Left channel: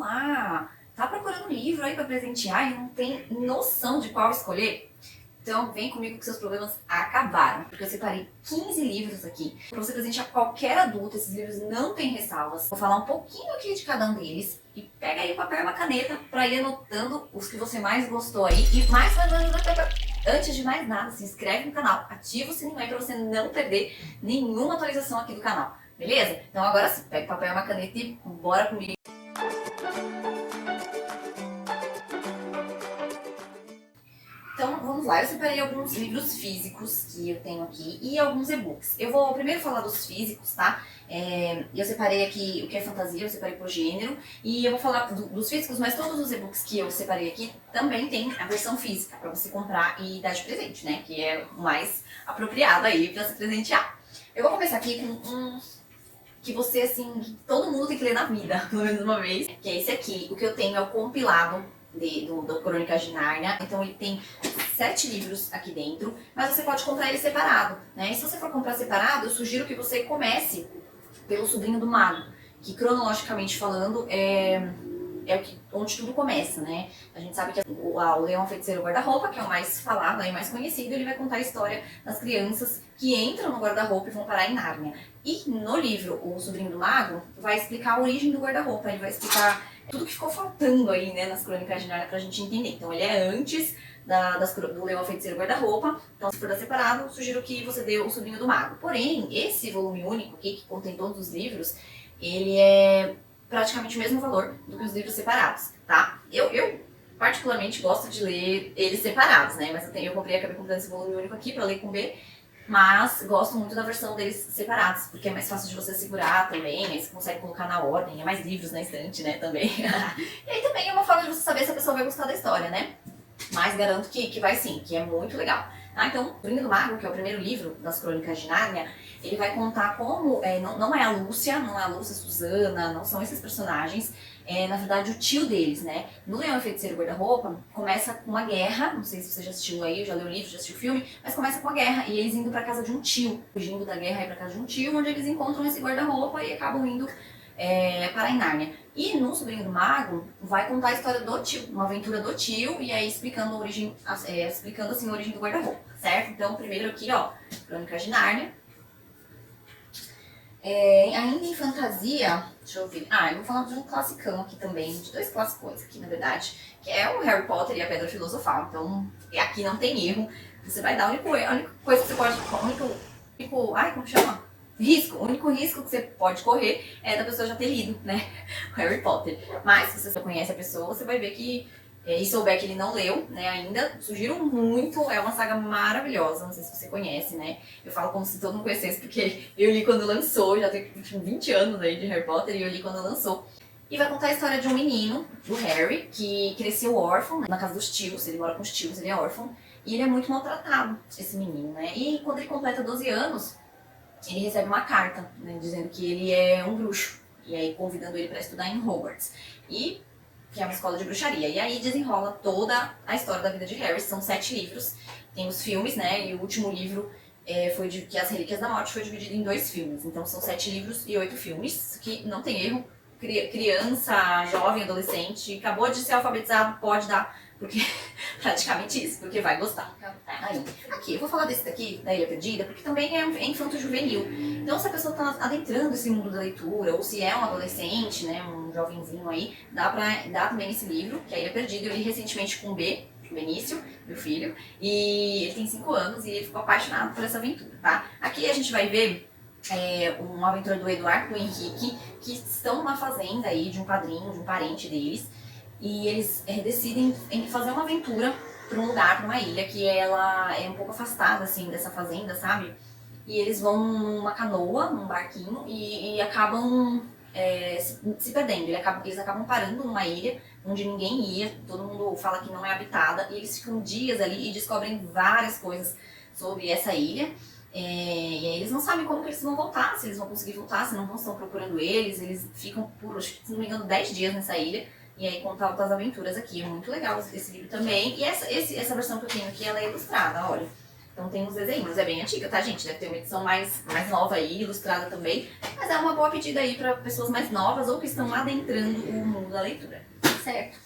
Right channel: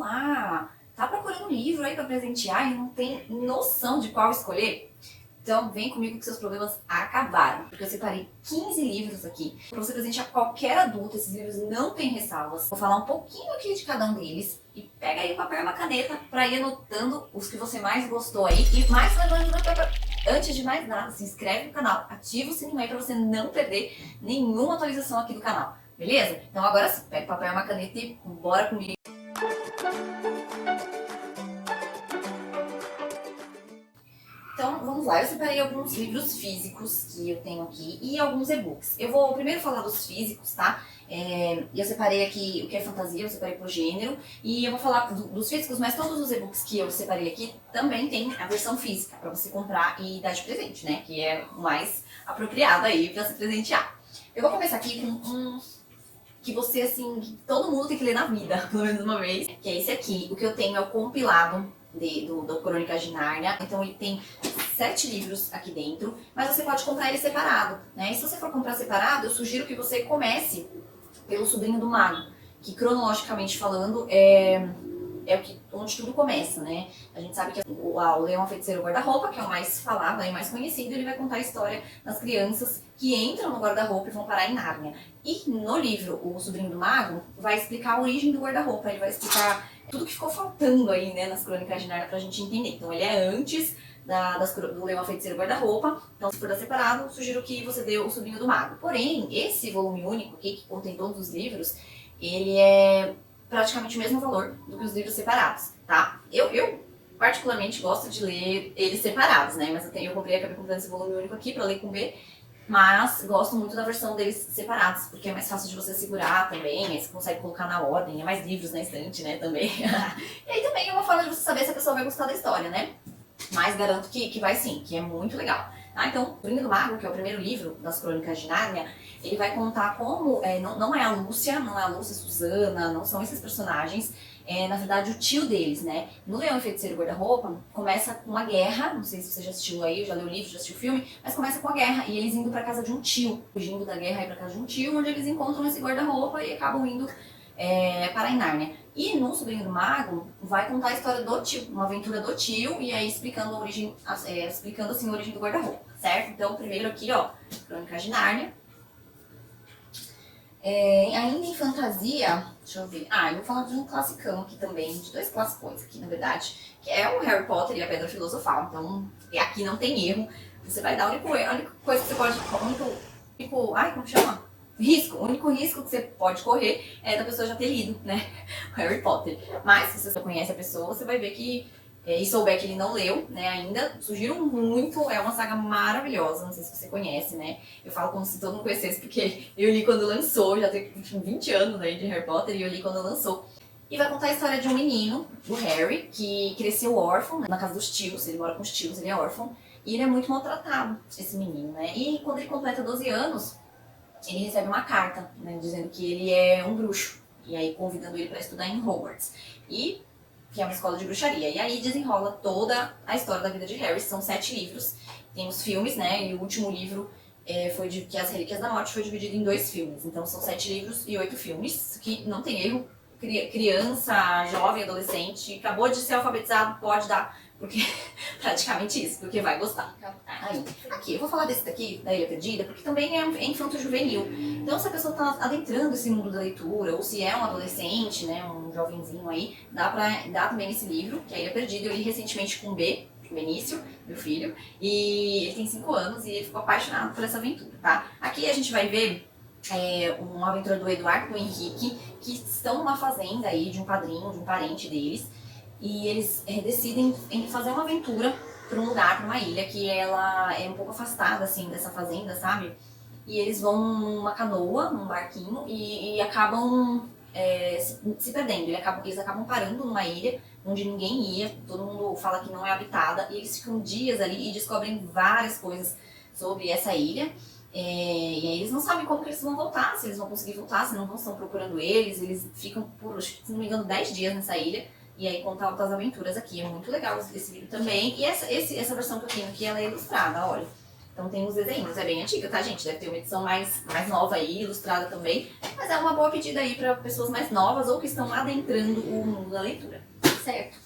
lá, tá procurando um livro aí para presentear e não tem noção de qual escolher? Então vem comigo que seus problemas acabaram, porque eu separei 15 livros aqui para você presentear qualquer adulto. Esses livros não têm ressalvas. Vou falar um pouquinho aqui de cada um deles e pega aí o papel e uma caneta para ir anotando os que você mais gostou aí. E antes de mais nada, se inscreve no canal, ativa o sininho aí para você não perder nenhuma atualização aqui do canal, beleza? Então agora sim, pega o papel e uma caneta e bora comigo. Então, vamos lá. Eu separei alguns livros físicos que eu tenho aqui e alguns e-books. Eu vou primeiro falar dos físicos, tá? Eu separei aqui o que é fantasia, eu separei por gênero. E eu vou falar dos físicos, mas todos os e-books que eu separei aqui também tem a versão física para você comprar e dar de presente, né? Que é o mais apropriado aí para se presentear. Eu vou começar aqui com um que você, assim, todo mundo tem que ler na vida, pelo menos uma vez. Que é esse aqui. O que eu tenho é o compilado do Crônicas de Nárnia. Então ele tem 7 livros aqui dentro, mas você pode comprar ele separado, né? E se você for comprar separado, eu sugiro que você comece pelo Sobrinho do Mago, que cronologicamente falando onde tudo começa, né? A gente sabe que o Leão, a Feiticeira e o Guarda-Roupa, que é o mais falado e mais conhecido, ele vai contar a história das crianças que entram no guarda-roupa e vão parar em Nárnia. E no livro, o Sobrinho do Mago vai explicar a origem do guarda-roupa, ele vai explicar tudo que ficou faltando aí, né, nas Crônicas de Nárnia pra gente entender. Então ele é antes do Leão, a Feiticeira e o Guarda-Roupa. Então, se for dar separado, sugiro que você dê o Sobrinho do Mago. Porém, esse volume único aqui, que contém todos os livros, ele é praticamente o mesmo valor do que os livros separados, tá? Eu particularmente gosto de ler eles separados, né? Mas acabei comprando esse volume único aqui pra ler com B, mas gosto muito da versão deles separados, porque é mais fácil de você segurar também, aí você consegue colocar na ordem, é mais livros na estante, né, também. E aí também é uma forma de você saber se a pessoa vai gostar da história, né? Mas garanto que vai sim, que é muito legal. Tá? Então, o Sobrinho do Mago, que é o primeiro livro das Crônicas de Nárnia, ele vai contar como, não é a Lúcia Susana, não são esses personagens, na verdade o tio deles, né? No Leão e Feiticeiro e Guarda-Roupa, começa com uma guerra, não sei se você já assistiu aí, já leu o livro, já assistiu o filme, mas começa com a guerra, e eles indo pra casa de um tio, fugindo da guerra e pra casa de um tio, onde eles encontram esse guarda-roupa e acabam indo para Nárnia. E no Sobrinho do Mago vai contar a história do tio, uma aventura do tio, e aí explicando a origem, explicando assim a origem do guarda-roupa, certo? Então primeiro aqui, ó, Crônicas de Nárnia. Ainda em fantasia, deixa eu ver. Eu vou falar de um classicão aqui também, de 2 classicões aqui, na verdade, que é o Harry Potter e a Pedra Filosofal. Então, aqui não tem erro. Você vai dar a única coisa que você pode. Como chama? O único risco que você pode correr é da pessoa já ter lido, né? O Harry Potter. Mas, se você só conhece a pessoa, você vai ver que. E souber que ele não leu, né, ainda, sugiro muito, é uma saga maravilhosa, não sei se você conhece, né, eu falo como se todo mundo conhecesse, porque eu li quando lançou, já tem 20 anos aí de Harry Potter, e eu li quando lançou. E vai contar a história de um menino, do Harry, que cresceu órfão, né, na casa dos tios, ele mora com os tios, ele é órfão, e ele é muito maltratado, esse menino, né, e quando ele completa 12 anos, ele recebe uma carta, né, dizendo que ele é um bruxo, e aí convidando ele para estudar em Hogwarts. Que é uma escola de bruxaria. E aí desenrola toda a história da vida de Harry. São 7 livros. Tem os filmes, né? E o último livro que As Relíquias da Morte foi dividido em 2 filmes. Então são 7 livros e 8 filmes, que não tem erro. Criança, jovem, adolescente, acabou de ser alfabetizado, pode dar, porque praticamente isso, porque vai gostar. Aí, aqui, eu vou falar desse daqui, da Ilha Perdida, porque também é infanto-juvenil. Então, se a pessoa está adentrando esse mundo da leitura, ou se é um adolescente, né, um jovenzinho aí, dá pra dar também esse livro, que é a Ilha Perdida. Eu li recentemente com o Benício, meu filho, e ele tem 5 anos e ele ficou apaixonado por essa aventura, tá? Aqui a gente vai ver uma aventura do Eduardo e do Henrique, que estão numa fazenda aí de um padrinho, de um parente deles, e eles decidem em fazer uma aventura para um lugar, para uma ilha, que ela é um pouco afastada, assim, dessa fazenda, sabe? E eles vão numa canoa, num barquinho, e acabam se perdendo. Eles acabam parando numa ilha onde ninguém ia, todo mundo fala que não é habitada, e eles ficam dias ali e descobrem várias coisas sobre essa ilha. E aí eles não sabem como que eles vão voltar, se eles vão conseguir voltar, se não estão procurando eles ficam por, se não me engano, 10 dias nessa ilha, e aí conta altas aventuras aqui. É muito legal esse livro também, e essa versão que eu tenho aqui, ela é ilustrada, olha. Então tem os desenhos, é bem antiga, tá, gente? Deve ter uma edição mais nova aí, ilustrada também. Mas é uma boa pedida aí para pessoas mais novas ou que estão adentrando o mundo da leitura, certo?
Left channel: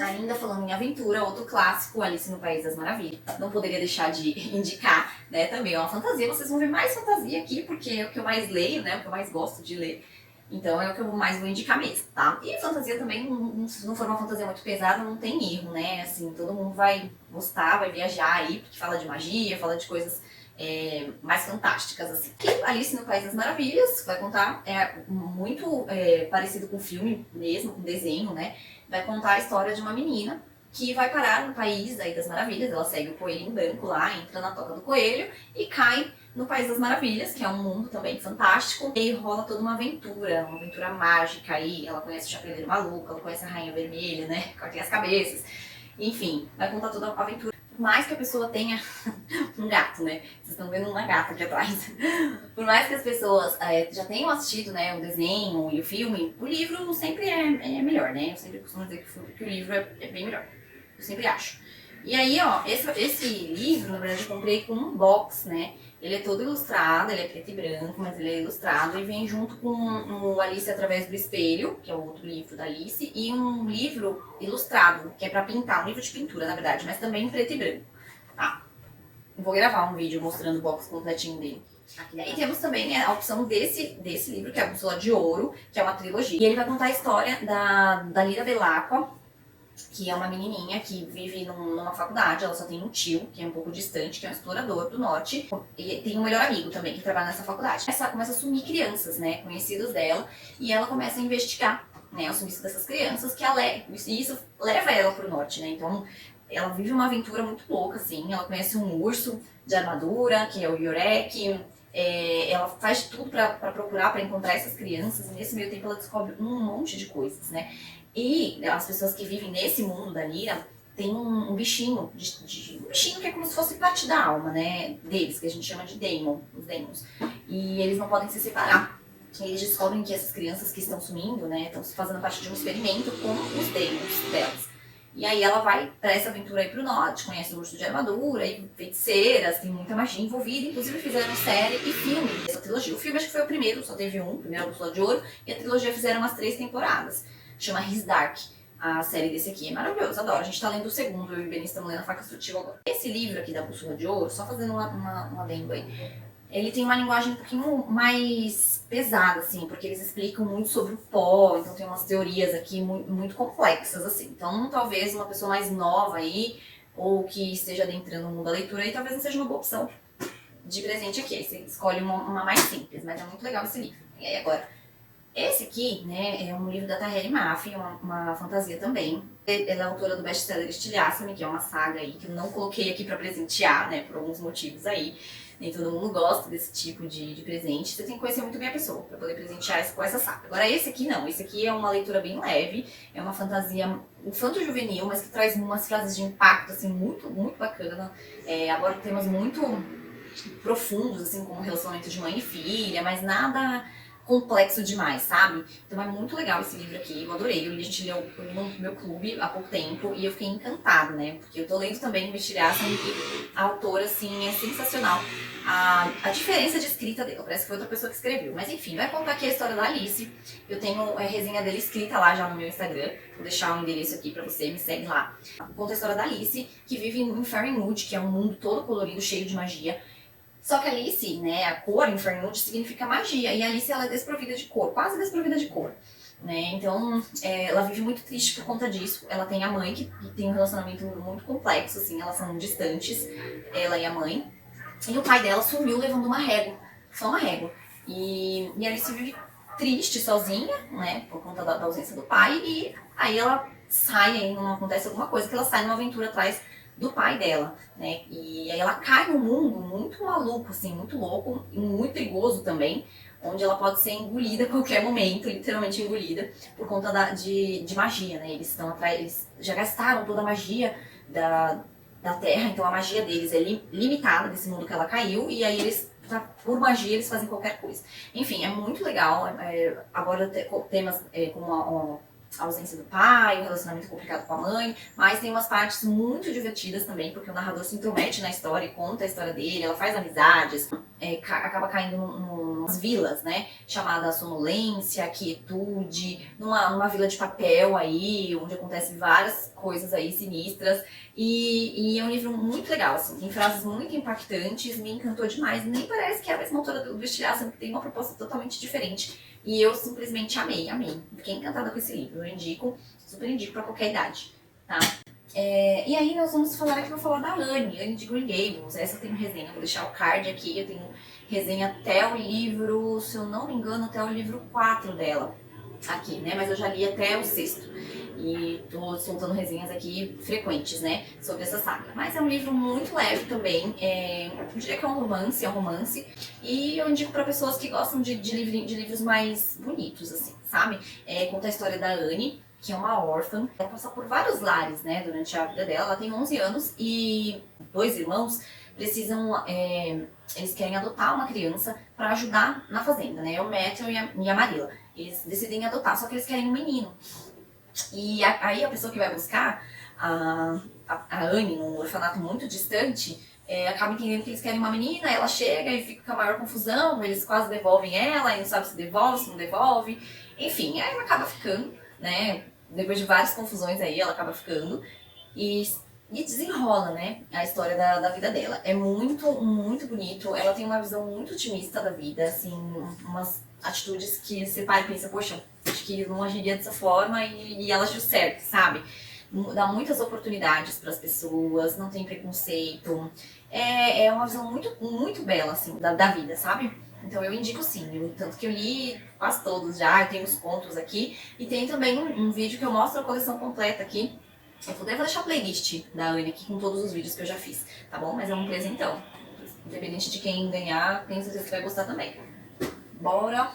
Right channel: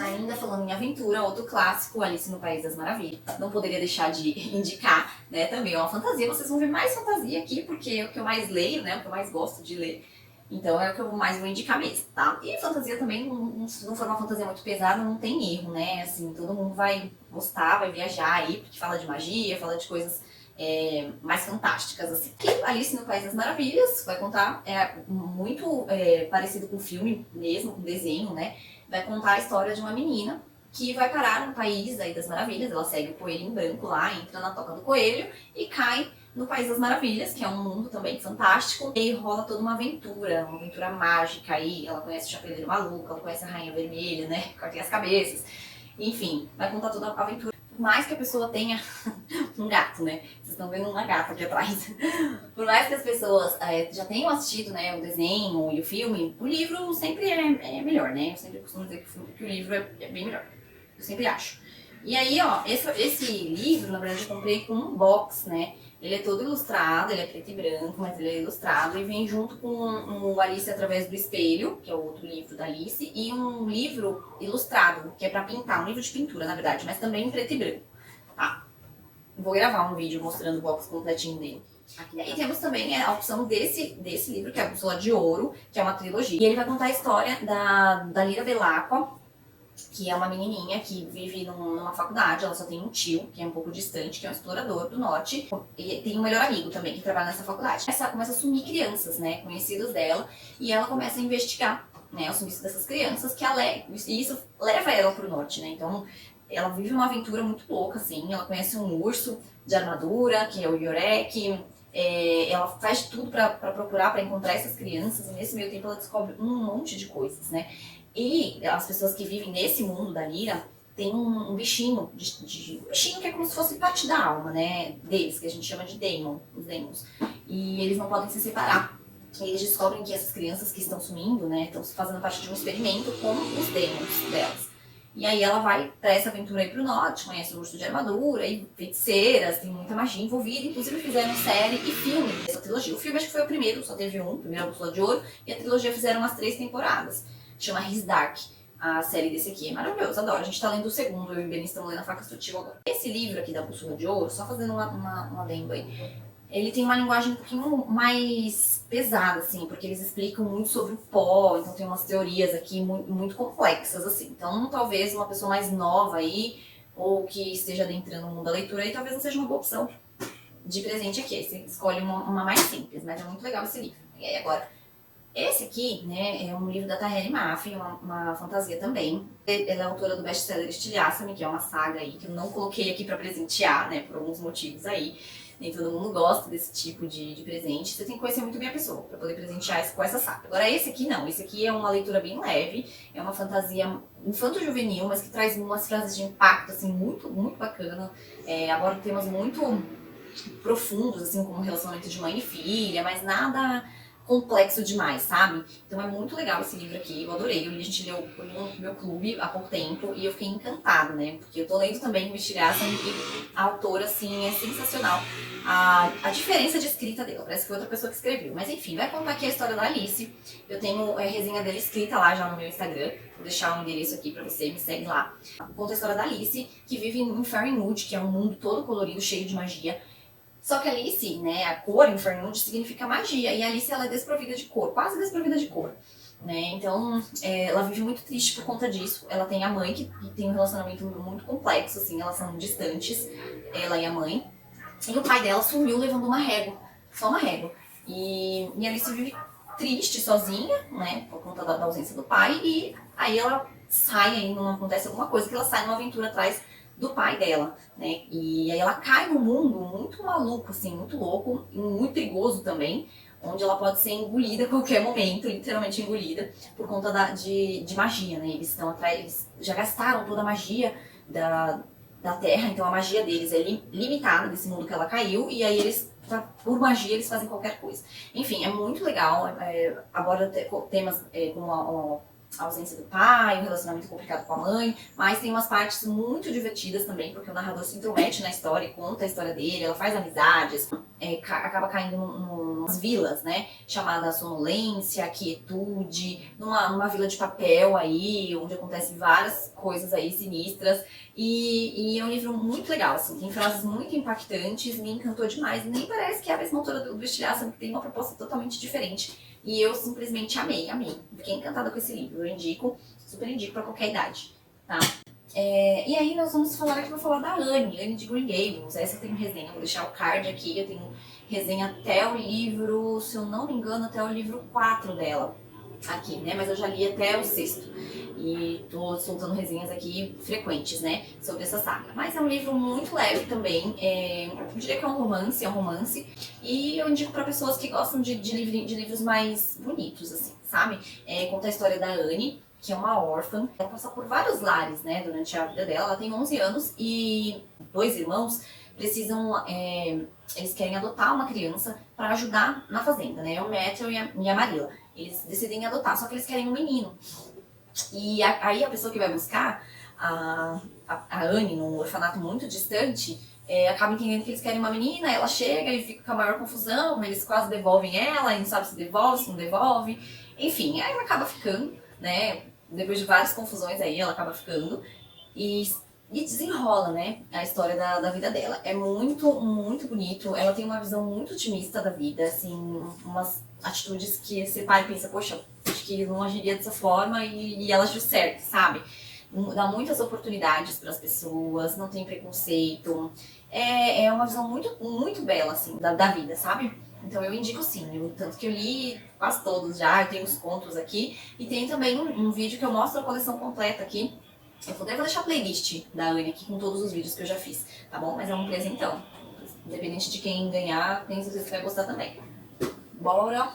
Ainda falando em aventura, outro clássico, Alice no País das Maravilhas. Não poderia deixar de indicar, né, também é uma fantasia. Vocês vão ver mais fantasia aqui, porque é o que eu mais leio, né, o que eu mais gosto de ler. Então é o que eu mais vou indicar mesmo, tá? E fantasia também, se não for uma fantasia muito pesada, não tem erro, né? Assim, todo mundo vai gostar, vai viajar aí, porque fala de magia, fala de coisas mais fantásticas, assim. E Alice no País das Maravilhas, vai contar, muito parecido com o filme mesmo, com o desenho, né? Vai contar a história de uma menina que vai parar no País daí das Maravilhas. Ela segue o coelhinho branco lá, entra na toca do coelho e cai no País das Maravilhas, que é um mundo também fantástico. E rola toda uma aventura mágica aí. Ela conhece o Chapeleiro Maluco, ela conhece a Rainha Vermelha, né? Cortem as cabeças. Enfim, vai contar toda a aventura. Por mais que a pessoa tenha um gato, né? Vocês estão vendo uma gata aqui atrás. Por mais que as pessoas já tenham assistido, né, o desenho e o filme, o livro sempre é melhor, né? Eu sempre costumo dizer que o livro é bem melhor. Eu sempre acho. E aí, ó, esse livro, na verdade, eu comprei com um box, né? Ele é todo ilustrado, ele é preto e branco, mas ele é ilustrado e vem junto com o Alice Através do Espelho, que é o outro livro da Alice, e um livro ilustrado, que é pra pintar, um livro de pintura, na verdade, mas também em preto e branco, tá? Eu vou gravar um vídeo mostrando o box completinho dele. Aqui. E aí temos também a opção desse livro, que é a Bússola de Ouro, que é uma trilogia. E ele vai contar a história da Lyra Belacqua, que é uma menininha que vive numa faculdade. Ela só tem um tio, que é um pouco distante, que é um explorador do norte. E tem um melhor amigo também, que trabalha nessa faculdade. Ela começa a sumir crianças, né, conhecidos dela, e ela começa a investigar, né, o sumiço dessas crianças, e isso leva ela pro norte, né. Então ela vive uma aventura muito louca, assim. Ela conhece um urso de armadura, que é o Yorek. Ela faz tudo pra procurar, pra encontrar essas crianças, e nesse meio tempo ela descobre um monte de coisas, né. E as pessoas que vivem nesse mundo da Lyra tem um bichinho, um bichinho que é como se fosse parte da alma, né, deles, que a gente chama de Daemon, os Daemons. E eles não podem se separar. E eles descobrem que essas crianças que estão sumindo, né, estão fazendo parte de um experimento com os Daemons delas. E aí ela vai pra essa aventura aí pro norte, conhece o urso de armadura e feiticeiras, tem muita magia envolvida. Inclusive fizeram série e filme dessa trilogia. O filme acho que foi o primeiro, só teve um, primeiro a Bússola de Ouro, e a trilogia fizeram umas 3 temporadas. Chama His Dark, a série desse aqui. É maravilhoso, adoro. A gente tá lendo o segundo, eu e o Benício estamos lendo A Faca Sutil agora. Esse livro aqui da Bússola de Ouro, só fazendo uma adendo aí, ele tem uma linguagem um pouquinho mais pesada, assim, porque eles explicam muito sobre o pó, então tem umas teorias aqui muito complexas, assim. Então, talvez uma pessoa mais nova aí, ou que esteja adentrando no mundo da leitura aí, talvez não seja uma boa opção de presente aqui. Aí você escolhe uma mais simples, mas é muito legal esse livro. E aí agora, esse aqui, né, é um livro da Tahereh Mafi, uma fantasia também. Ela é autora do best-seller Estilhaça-me, que é uma saga aí que eu não coloquei aqui pra presentear, né, por alguns motivos aí. Nem todo mundo gosta desse tipo de presente. Você tem que conhecer muito bem a pessoa pra poder presentear com essa saga. Agora esse aqui não, esse aqui é uma leitura bem leve, é uma fantasia infanto-juvenil, mas que traz umas frases de impacto, assim, muito, muito bacana. Aborda temas muito profundos, assim, como relacionamento de mãe e filha, mas nada complexo demais, sabe? Então é muito legal esse livro aqui, eu adorei. A gente leu no meu clube há pouco tempo e eu fiquei encantada, né? Porque eu tô lendo também o Estilhaça e a autora, assim, é sensacional. A diferença de escrita dela, parece que foi outra pessoa que escreveu. Mas enfim, vai contar aqui a história da Alice. Eu tenho a resenha dela escrita lá já no meu Instagram. Vou deixar o endereço aqui pra você, me segue lá. Conta a história da Alice, que vive em Fairymood, que é um mundo todo colorido, cheio de magia. Só que Alice, né, a cor em Fairymood significa magia, e a Alice ela é desprovida de cor, quase desprovida de cor, né, então ela vive muito triste por conta disso. Ela tem a mãe, que tem um relacionamento muito complexo, assim, elas são distantes, ela e a mãe, e o pai dela sumiu levando uma régua, só uma régua, e a Alice vive triste, sozinha, né, por conta da ausência do pai, e aí ela sai, aí não acontece alguma coisa, que ela sai numa aventura atrás do pai dela, né? E aí ela cai num mundo muito maluco, assim, muito louco e muito perigoso também, onde ela pode ser engolida a qualquer momento, literalmente engolida, por conta de magia, né? Eles estão atrás, eles já gastaram toda a magia da Terra, então a magia deles é limitada desse mundo que ela caiu, e aí eles, por magia, eles fazem qualquer coisa. Enfim, é muito legal, aborda temas como a ausência do pai, o relacionamento complicado com a mãe, mas tem umas partes muito divertidas também, porque o narrador se intromete na história e conta a história dele, ela faz amizades, acaba caindo numas vilas, né, chamada Sonolência, Quietude, numa vila de papel aí, onde acontecem várias coisas aí sinistras, e é um livro muito legal, assim, tem frases muito impactantes, me encantou demais, nem parece que é a mesma autora do Bestiário, sendo que tem uma proposta totalmente diferente. E eu simplesmente amei. Fiquei encantada com esse livro. Eu indico, super indico pra qualquer idade, tá? E aí nós vamos falar aqui, vou falar da Anne de Green Gables. Essa eu tenho resenha, vou deixar o card aqui. Eu tenho resenha até o livro, se eu não me engano, até o livro 4 dela. Aqui, né? Mas eu já li até o 6º. E tô soltando resenhas aqui frequentes, né? Sobre essa saga. Mas é um livro muito leve também. Eu diria que é um romance. E eu indico para pessoas que gostam de livros mais bonitos, assim, sabe? Conta a história da Anne, que é uma órfã. Ela passa por vários lares, né? Durante a vida dela. Ela tem 11 anos e 2 irmãos precisam... eles querem adotar uma criança para ajudar na fazenda, né? O Matthew e a Marilla. Eles decidem adotar, só que eles querem um menino. E aí a pessoa que vai buscar a Anne num orfanato muito distante acaba entendendo que eles querem uma menina, ela chega e fica com a maior confusão, eles quase devolvem ela e não sabe se devolve, se não devolve. Enfim, aí ela acaba ficando, né? Depois de várias confusões aí, ela acaba ficando e desenrola, né, a história da vida dela. É muito, muito bonito. Ela tem uma visão muito otimista da vida, assim, umas atitudes que você para e pensa, poxa, acho que não agiria dessa forma e ela agiu certo, sabe? Dá muitas oportunidades para as pessoas, não tem preconceito. É uma visão muito, muito bela, assim, da vida, sabe? Então eu indico sim, tanto que eu li quase todos já, eu tenho os contos aqui. E tem também um vídeo que eu mostro a coleção completa aqui. Eu vou deixar a playlist da Anne aqui com todos os vídeos que eu já fiz, tá bom? Mas é um presentão. Independente de quem ganhar, tenho certeza que vai gostar também. Bora!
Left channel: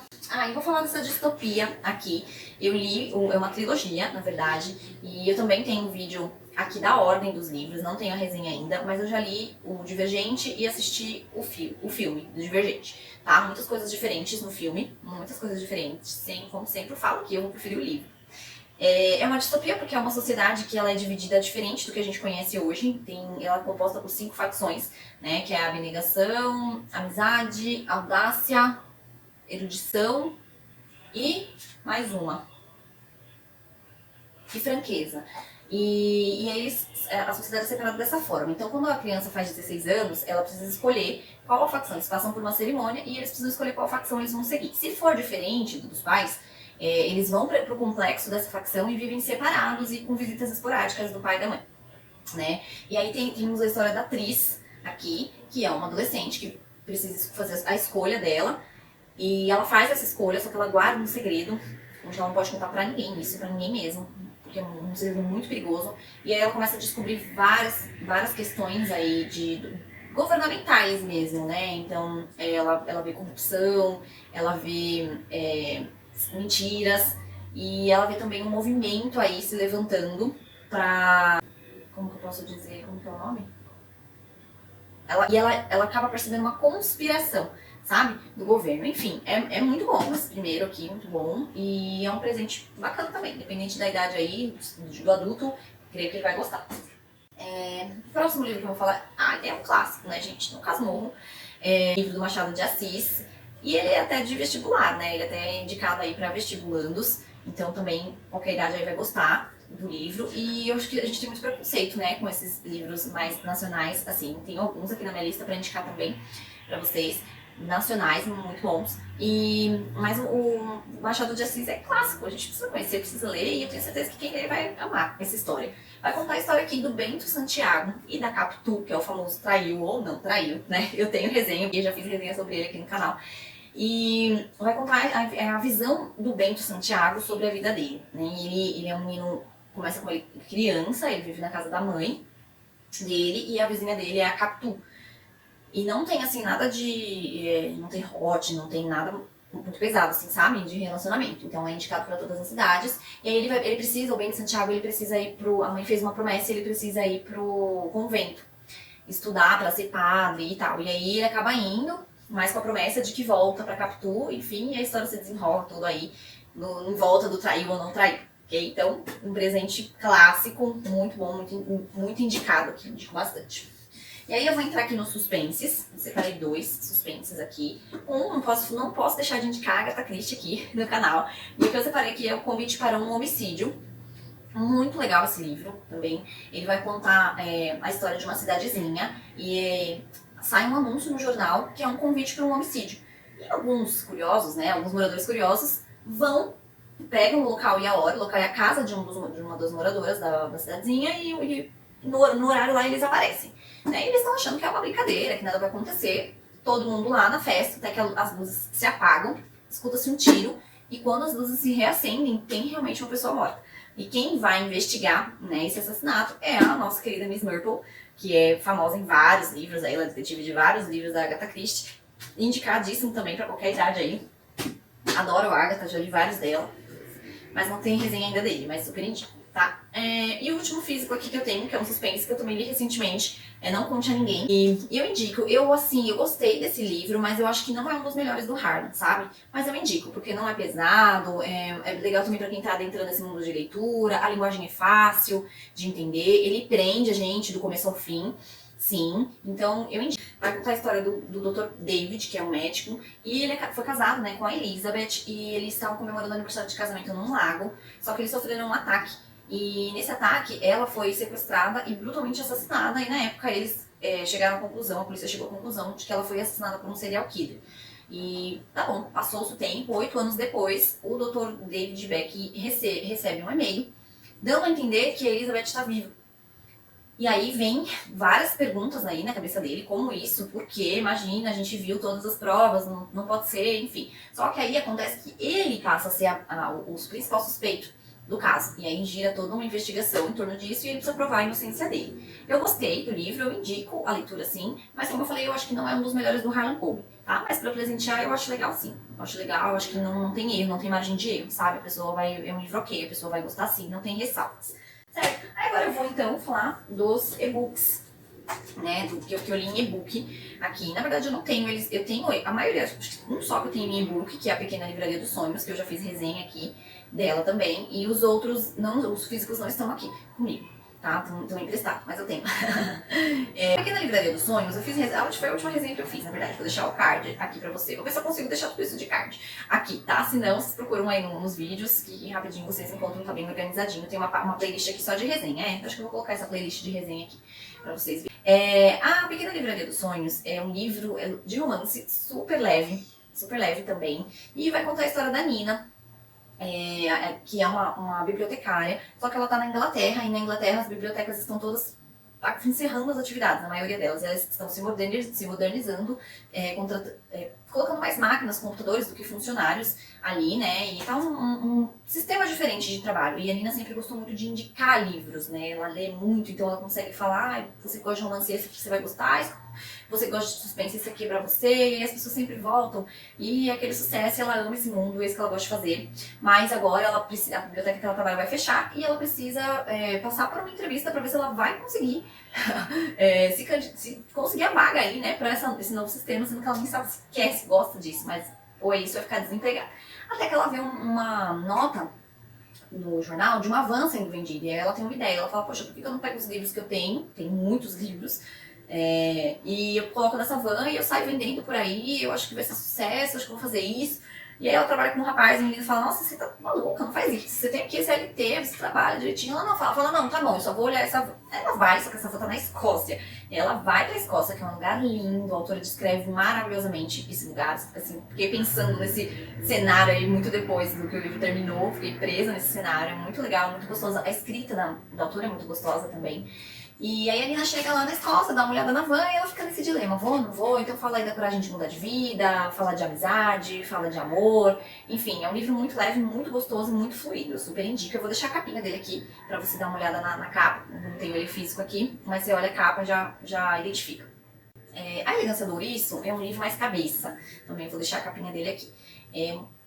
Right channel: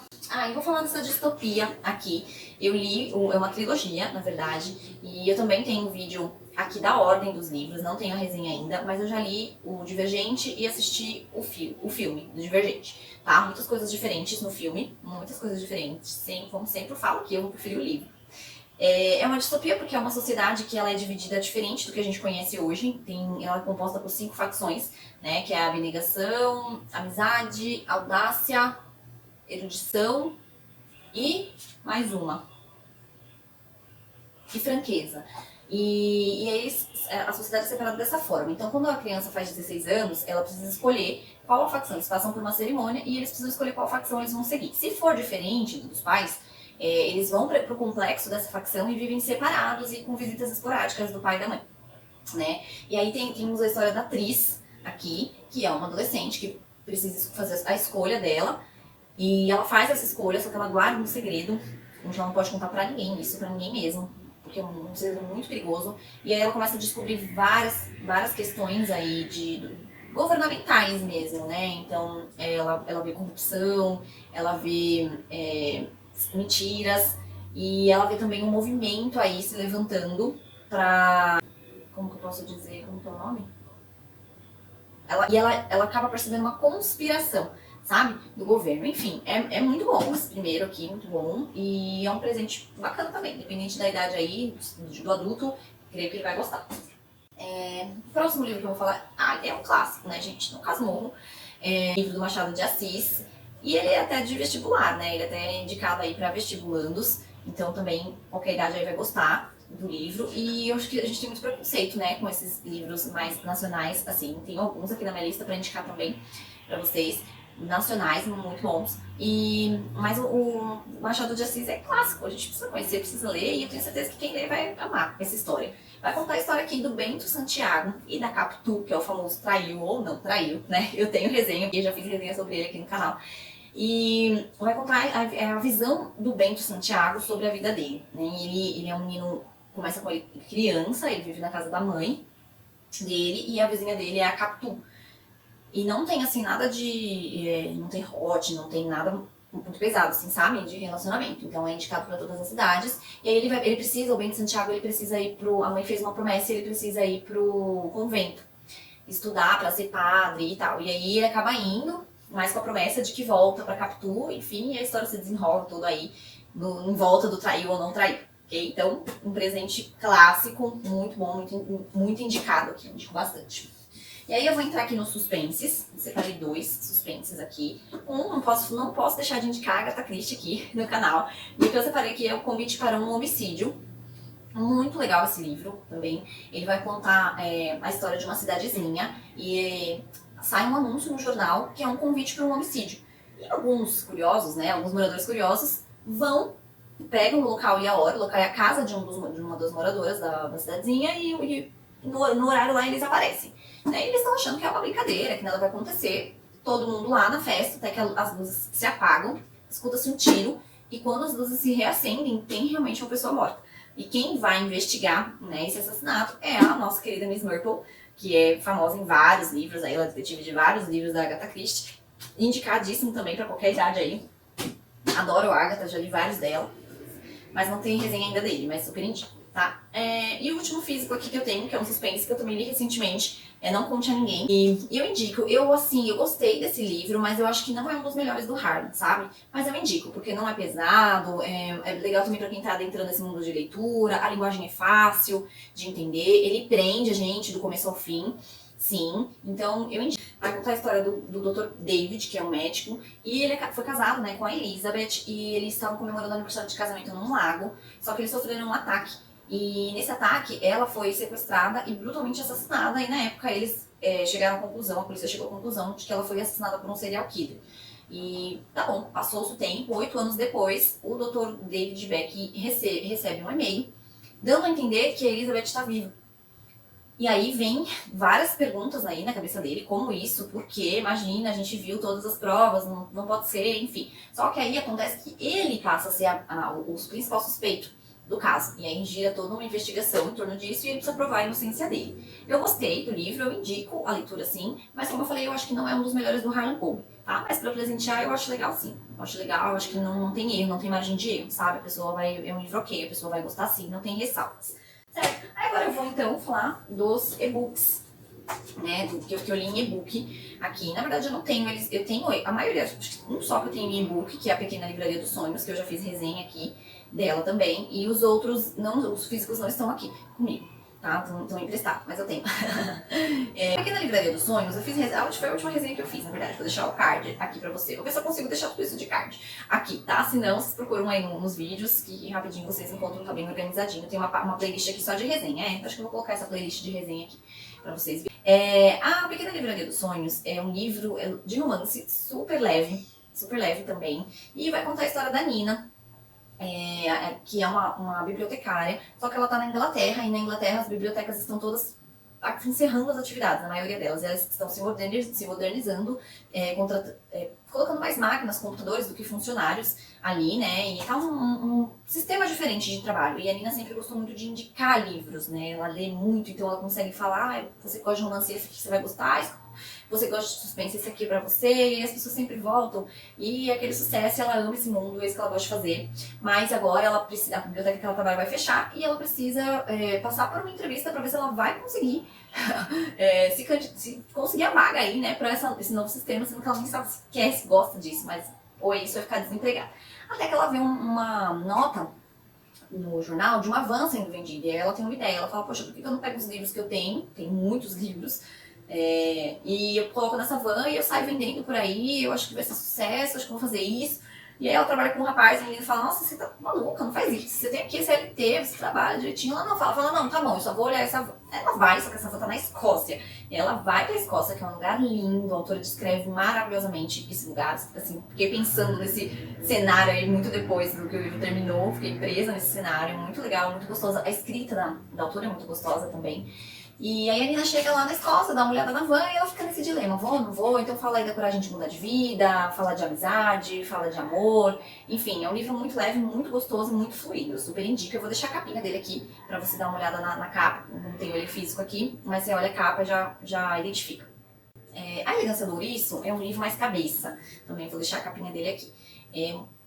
Eu vou falar dessa distopia aqui. Eu li, é uma trilogia, na verdade, e eu também tenho um vídeo aqui da ordem dos livros, não tenho a resenha ainda, mas eu já li o Divergente e assisti o filme do Divergente, tá? Muitas coisas diferentes no filme, muitas coisas diferentes, como sempre eu falo que eu preferi o livro. É uma distopia porque é uma sociedade que ela é dividida diferente do que a gente conhece hoje. Ela é composta por 5 facções, né? Que é a abnegação, amizade, audácia, erudição e mais uma. E franqueza. E aí a sociedade é separada dessa forma. Então, quando a criança faz 16 anos, ela precisa escolher qual a facção. Eles passam por uma cerimônia e eles precisam escolher qual facção eles vão seguir. Se for diferente dos pais, eles vão para o complexo dessa facção e vivem separados e com visitas esporádicas do pai e da mãe, né? E aí temos a história da Tris aqui, que é uma adolescente que precisa fazer a escolha dela. E ela faz essa escolha, só que ela guarda um segredo, então ela não pode contar pra ninguém isso, pra ninguém mesmo, porque é um segredo muito perigoso. E aí ela começa a descobrir várias questões aí governamentais mesmo, né? Então ela vê corrupção, ela vê mentiras, e ela vê também um movimento aí se levantando pra... Como que eu posso dizer? Como que é o nome? Ela acaba percebendo uma conspiração, sabe? Do governo. Enfim, é muito bom esse primeiro aqui, muito bom. E é um presente bacana também, independente da idade aí, do adulto, creio que ele vai gostar. O próximo livro que eu vou falar, é um clássico, né, gente? No Casmurro. Livro do Machado de Assis. E ele é até de vestibular, né? Ele até é indicado aí para vestibulandos. Então também qualquer idade aí vai gostar do livro. E eu acho que a gente tem muito preconceito, né, com esses livros mais nacionais. Assim, tem alguns aqui na minha lista para indicar também para vocês. Nacionais, muito bons. Mas o Machado de Assis é clássico, a gente precisa conhecer, precisa ler, e eu tenho certeza que quem ler vai amar essa história. Vai contar a história aqui do Bento Santiago e da Capitu, que é o famoso traiu ou não traiu, né? Eu tenho resenha, eu já fiz resenha sobre ele aqui no canal. E vai contar a visão do Bento Santiago sobre a vida dele, né? Ele é um menino, começa com ele criança, ele vive na casa da mãe dele, e a vizinha dele é a Capitu. E não tem, assim, nada de... não tem hot, não tem nada muito pesado, assim, sabe? De relacionamento. Então é indicado para todas as idades. E aí ele precisa, o Bento Santiago, ele precisa ir pro... A mãe fez uma promessa e ele precisa ir pro convento. Estudar para ser padre e tal. E aí ele acaba indo, mas com a promessa de que volta pra Capitu, enfim. E a história se desenrola toda aí em volta do traiu ou não traiu. ok? Então, um presente clássico, muito bom, muito indicado aqui, indico bastante. E aí eu vou entrar aqui nos suspenses, separei 2 suspenses aqui. Não posso deixar de indicar a Agatha Christie aqui no canal. E o que eu separei aqui é o Convite para um Homicídio. Muito legal esse livro também. Ele vai contar a história de uma cidadezinha e sai um anúncio no jornal que é um convite para um homicídio. E alguns curiosos, né, alguns moradores curiosos pegam o local e a hora, o local é a casa de uma das moradoras da cidadezinha e no horário lá eles aparecem. Né? E eles estão achando que é uma brincadeira, que nada vai acontecer. Todo mundo lá na festa, até que as luzes se apagam, escuta-se um tiro e quando as luzes se reacendem, tem realmente uma pessoa morta. E quem vai investigar, né, esse assassinato é a nossa querida Miss Marple, que é famosa em vários livros, aí, ela é detetive de vários livros da Agatha Christie. Indicadíssimo também para qualquer idade aí. Adoro a Agatha, já li vários dela. Mas não tem resenha ainda dele, mas super indico, tá? E o último físico aqui que eu tenho, que é um suspense que eu também li recentemente, Não Conte a Ninguém. E eu indico, eu gostei desse livro, mas eu acho que não é um dos melhores do Harlan, sabe? Mas eu indico, porque não é pesado, é legal também pra quem tá adentrando nesse mundo de leitura, a linguagem é fácil de entender, ele prende a gente do começo ao fim. Sim, então eu indico. Vai contar a história do Dr. David, que é um médico, e ele foi casado, né, com a Elizabeth, e eles estavam comemorando o aniversário de casamento num lago, só que eles sofreram um ataque. E nesse ataque, ela foi sequestrada e brutalmente assassinada, e na época eles chegaram à conclusão, a polícia chegou à conclusão de que ela foi assassinada por um serial killer. E tá bom, passou-se o tempo, 8 anos depois, o Dr. David Beck recebe um e-mail, dando a entender que a Elizabeth está viva. E aí vem várias perguntas aí na cabeça dele, como isso, por quê, imagina, a gente viu todas as provas, não pode ser, enfim. Só que aí acontece que ele passa a ser o principal suspeito do caso. E aí gira toda uma investigação em torno disso e ele precisa provar a inocência dele. Eu gostei do livro, eu indico a leitura sim, mas como eu falei, eu acho que não é um dos melhores do Harlan Coben, tá? Mas pra presentear eu acho legal sim. Eu acho legal, eu acho que não tem erro, não tem margem de erro, sabe? É um livro ok, a pessoa vai gostar sim, não tem ressalvas. Certo? Aí agora eu vou então falar dos e-books, né? Do que eu li em e-book aqui. Na verdade eu não tenho eles, eu tenho a maioria, acho que um só que eu tenho em e-book, que é a Pequena Livraria dos Sonhos, que eu já fiz resenha aqui dela também. E os outros, os físicos não estão aqui comigo, tá? Estão emprestados, mas eu tenho. Pequena Livraria dos Sonhos, eu fiz foi a última resenha que eu fiz, na verdade. Vou deixar o card aqui pra você. Vou ver se eu consigo deixar tudo isso de card aqui, tá? Se não, vocês procuram aí nos vídeos, que rapidinho vocês encontram, tá bem organizadinho. Tem uma playlist aqui só de resenha, então acho que eu vou colocar essa playlist de resenha aqui pra vocês verem. A Pequena Livraria dos Sonhos é um livro de romance super leve também. E vai contar a história da Nina, que é uma bibliotecária, só que ela tá na Inglaterra, e na Inglaterra as bibliotecas estão todas encerrando as atividades, a maioria delas. Elas estão se modernizando, colocando mais máquinas, computadores do que funcionários ali, né? E tá um sistema diferente de trabalho. E a Nina sempre gostou muito de indicar livros, né? Ela lê muito, então ela consegue falar, você gosta de romance, esse aqui você vai gostar, você gosta de suspense, esse aqui é pra você, e as pessoas sempre voltam, e é aquele sucesso, ela ama esse mundo, é isso que ela gosta de fazer, mas agora a biblioteca que ela trabalha vai fechar, e ela precisa passar por uma entrevista pra ver se ela vai conseguir se conseguir a vaga aí, né, pra esse novo sistema, sendo que ela nem sabe se quer, se gosta disso, mas ou é isso, vai ficar desempregada. Até que ela vê uma nota no jornal de uma van sendo vendida, e aí ela tem uma ideia, ela fala, poxa, por que eu não pego os livros que eu tenho muitos livros, e eu coloco nessa van e eu saio vendendo por aí, eu acho que vai ser sucesso, acho que eu vou fazer isso. E aí ela trabalha com um rapaz e a menina fala, nossa, você tá maluca, não faz isso, você tem aqui CLT, você trabalha direitinho. Ela não fala, não, tá bom, eu só vou olhar essa van. Ela vai, só que essa van tá na Escócia. E ela vai pra Escócia, que é um lugar lindo, a autora descreve maravilhosamente esse lugar, assim, fiquei pensando nesse cenário aí muito depois do que o livro terminou, fiquei presa nesse cenário, muito legal, muito gostosa. A escrita da autora é muito gostosa também. E aí a Nina chega lá na Escócia, dá uma olhada na van e ela fica nesse dilema, vou ou não vou? Então fala aí da coragem de mudar de vida, fala de amizade, fala de amor, enfim, é um livro muito leve, muito gostoso e muito fluido, eu super indico. Eu vou deixar a capinha dele aqui pra você dar uma olhada na capa, não tenho ele físico aqui, mas você olha a capa e já identifica. A Elegância do Ouriço é um livro mais cabeça, também vou deixar a capinha dele aqui.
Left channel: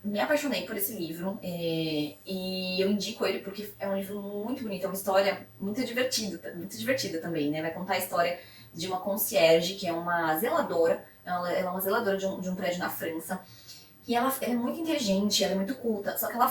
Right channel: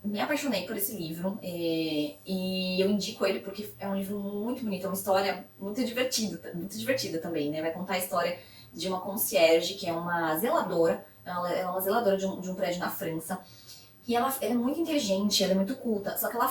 Me apaixonei por esse livro e eu indico ele porque é um livro muito bonito, é uma história muito divertida também, né? Vai contar a história de uma concierge, que é uma zeladora, ela é uma zeladora de um prédio na França, e ela é muito inteligente, ela é muito culta, só que ela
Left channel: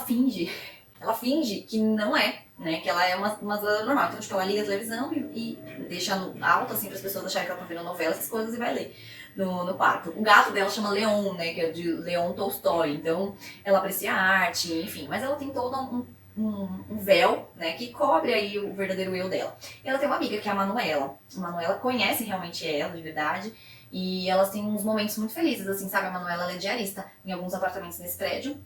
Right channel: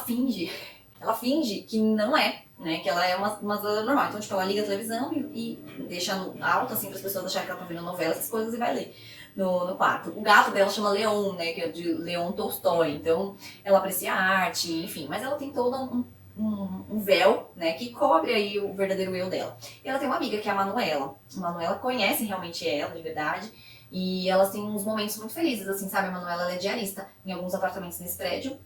ela finge que não é, né? Que ela é uma zona normal. Então, tipo, ela liga a televisão e deixa alto, assim, para as pessoas acharem que ela tá vendo novela, essas coisas, e vai ler no quarto. O gato dela chama Leon, né? Que é de Leon Tolstói. Então, ela aprecia a arte, enfim. Mas ela tem todo um véu, né, que cobre aí o verdadeiro eu dela. E ela tem uma amiga que é a Manuela. A Manuela conhece realmente ela, de verdade. E elas têm uns momentos muito felizes, assim, sabe? A Manuela, ela é diarista em alguns apartamentos nesse prédio.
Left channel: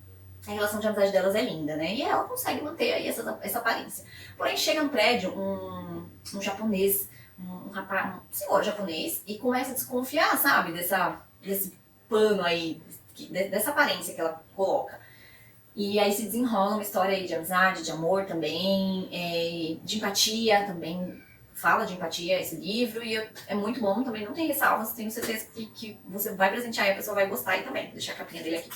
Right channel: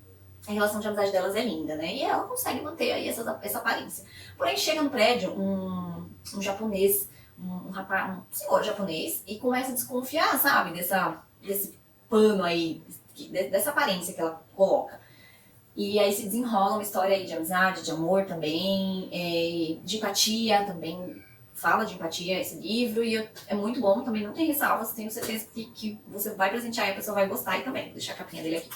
A relação de amizade delas é linda, né? E ela consegue manter aí essa aparência. Porém, chega no prédio um japonês, um rapaz, um senhor japonês, e começa a desconfiar, sabe? Desse pano aí, dessa aparência que ela coloca. E aí se desenrola uma história aí de amizade, de amor também, de empatia também. Fala de empatia esse livro e é muito bom também, não tem ressalvas, tenho certeza que você vai presentear e a pessoa vai gostar e também. Vou deixar a capinha dele aqui.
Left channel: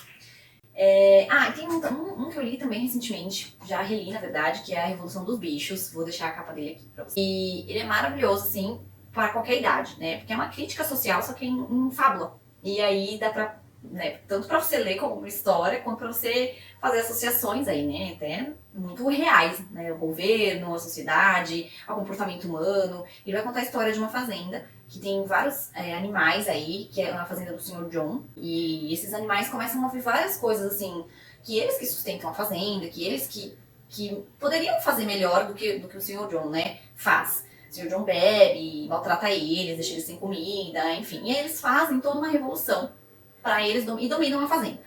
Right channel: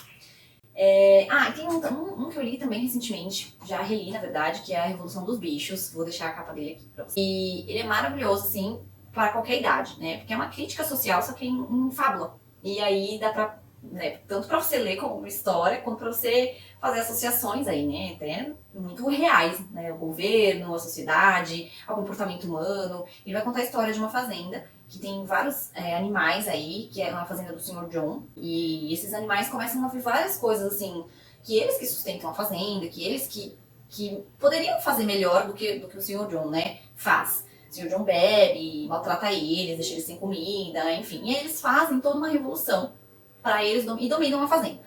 E tem um que eu li também recentemente, já reli na verdade, que é A Revolução dos Bichos. Vou deixar a capa dele aqui pra você. E ele é maravilhoso, assim, para qualquer idade, né? Porque é uma crítica social, só que em fábula. E aí dá pra, né, tanto pra você ler como uma história, quanto pra você fazer associações aí, né? Até muito reais, né? O governo, a sociedade, o comportamento humano. Ele vai contar a história de uma fazenda que tem vários animais aí, que é uma fazenda do Sr. John. E esses animais começam a ver várias coisas, assim, que eles que sustentam a fazenda, que eles que poderiam fazer melhor do que o Sr. John, né, faz. O Sr. John bebe, maltrata eles, deixa eles sem comida, enfim. E aí eles fazem toda uma revolução para eles e dominam a fazenda.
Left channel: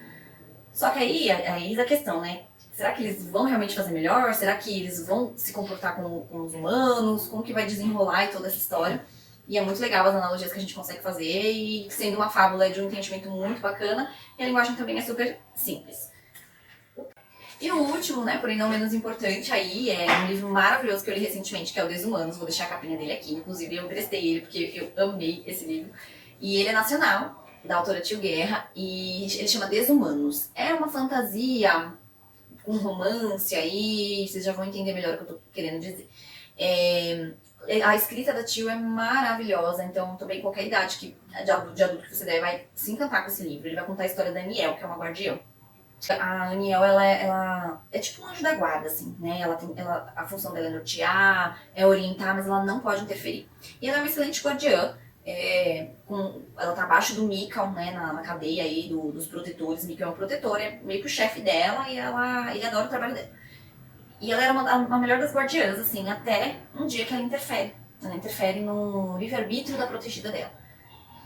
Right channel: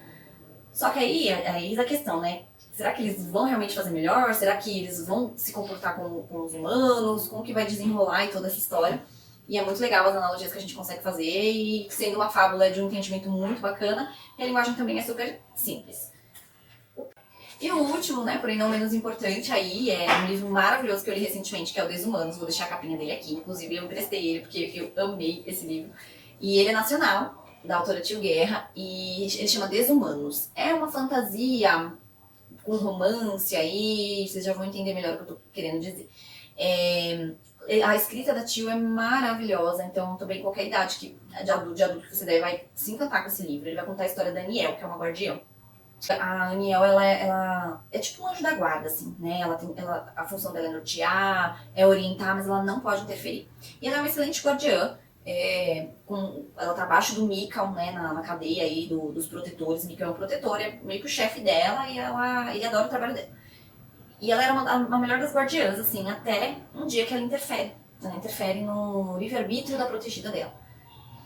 Só que aí a questão, né? Será que eles vão realmente fazer melhor? Será que eles vão se comportar com os humanos? Como que vai desenrolar e toda essa história? E é muito legal as analogias que a gente consegue fazer, e sendo uma fábula de um entendimento muito bacana, e a linguagem também é super simples. E o último, né, porém não menos importante aí, é um livro maravilhoso que eu li recentemente, que é o Desumanos. Vou deixar a capinha dele aqui, inclusive eu emprestei ele porque eu amei esse livro. E ele é nacional, da autora Tio Guerra, e ele chama Desumanos. É uma fantasia com romance aí, vocês já vão entender melhor o que eu tô querendo dizer. A escrita da Tio é maravilhosa, então também qualquer idade de adulto que você der vai se encantar com esse livro. Ele vai contar a história da Aniel, que é uma guardiã. A Aniel, ela é tipo um anjo da guarda, assim, né? A função dela é nortear, é orientar, mas ela não pode interferir. E ela é uma excelente guardiã. Ela tá abaixo do Mikau, né, na cadeia aí dos protetores. Mikau é um protetor, é meio que o chefe dela, e ele adora o trabalho dela. E ela era a melhor das guardiãs, assim, até um dia que ela interfere. Ela interfere no livre-arbítrio da protegida dela.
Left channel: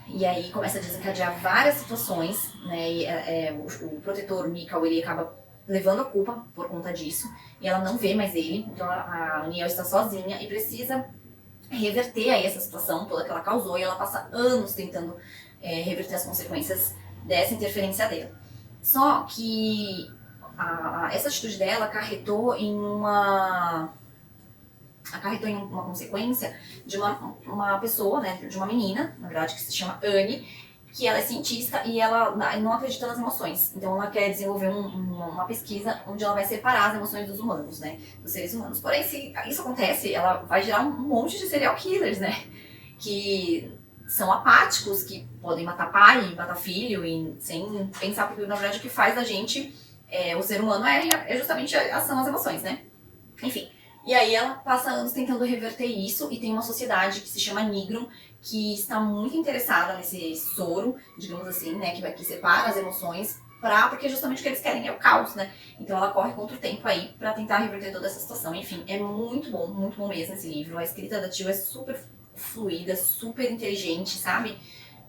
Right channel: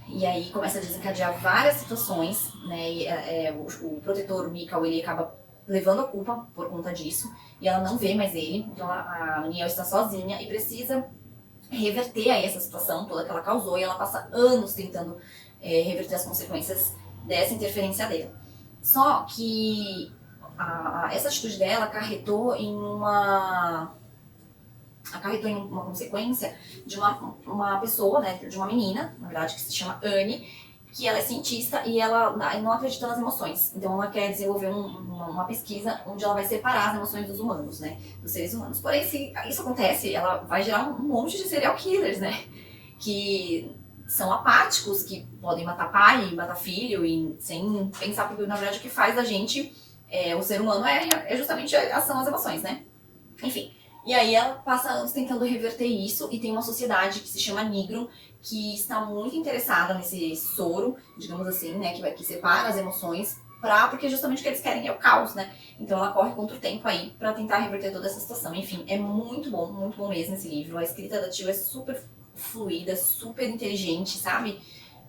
E aí começa a desencadear várias situações, né? E, o protetor Mikau, ele acaba levando a culpa por conta disso. E ela não vê mais ele. Então a Aniel está sozinha e precisa reverter aí essa situação toda que ela causou. E ela passa anos tentando reverter as consequências dessa interferência dela. Só que essa atitude dela acarretou em uma consequência de uma pessoa, né, de uma menina, na verdade, que se chama Anne, que ela é cientista e ela não acredita nas emoções. Então ela quer desenvolver uma pesquisa onde ela vai separar as emoções dos humanos, né, dos seres humanos. Porém, se isso acontece, ela vai gerar um monte de serial killers, né, que são apáticos, que podem matar pai, matar filho, e sem pensar, porque na verdade o que faz a gente, o ser humano, é justamente são as emoções, né? Enfim. E aí ela passa anos tentando reverter isso, e tem uma sociedade que se chama Nigrum, que está muito interessada nesse soro, digamos assim, né, que separa as emoções, porque justamente o que eles querem é o caos, né? Então ela corre contra o tempo aí pra tentar reverter toda essa situação. Enfim, é muito bom mesmo esse livro. A escrita da Tio é super fluida, super inteligente, sabe?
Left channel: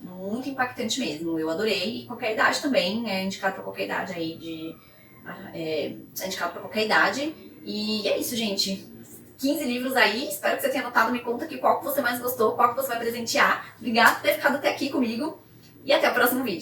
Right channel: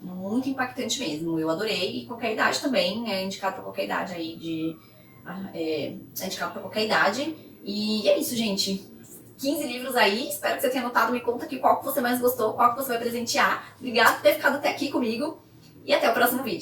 Muito impactante mesmo. Eu adorei, e qualquer idade também, é indicado pra qualquer idade aí, é indicado pra qualquer idade. E é isso, gente. 15 livros aí, espero que você tenha anotado. Me conta aqui qual que você mais gostou, qual que você vai presentear. Obrigada por ter ficado até aqui comigo, e até o próximo vídeo.